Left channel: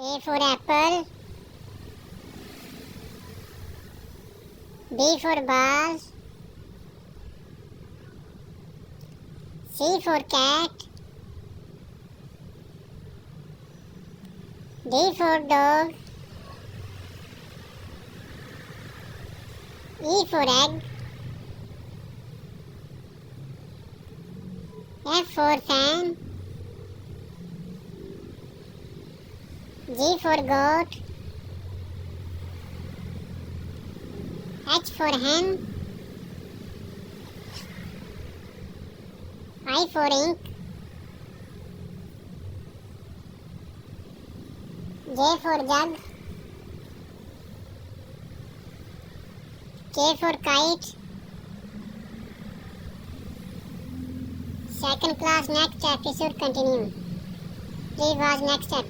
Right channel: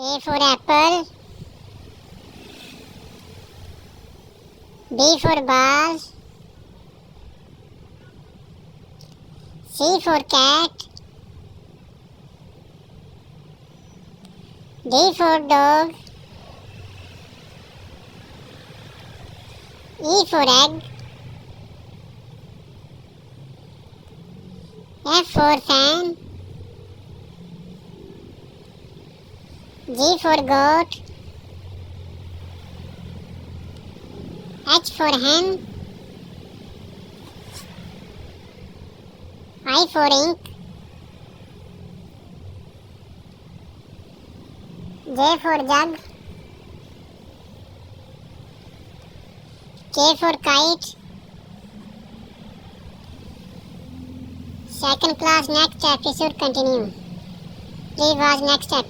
A for apple. B for ball. C for cat. D for dog. E for egg. F for fan. G for goat. H for hen. I for ink. J for jug. K for kite. Second class next episode continue. Please watch next episode.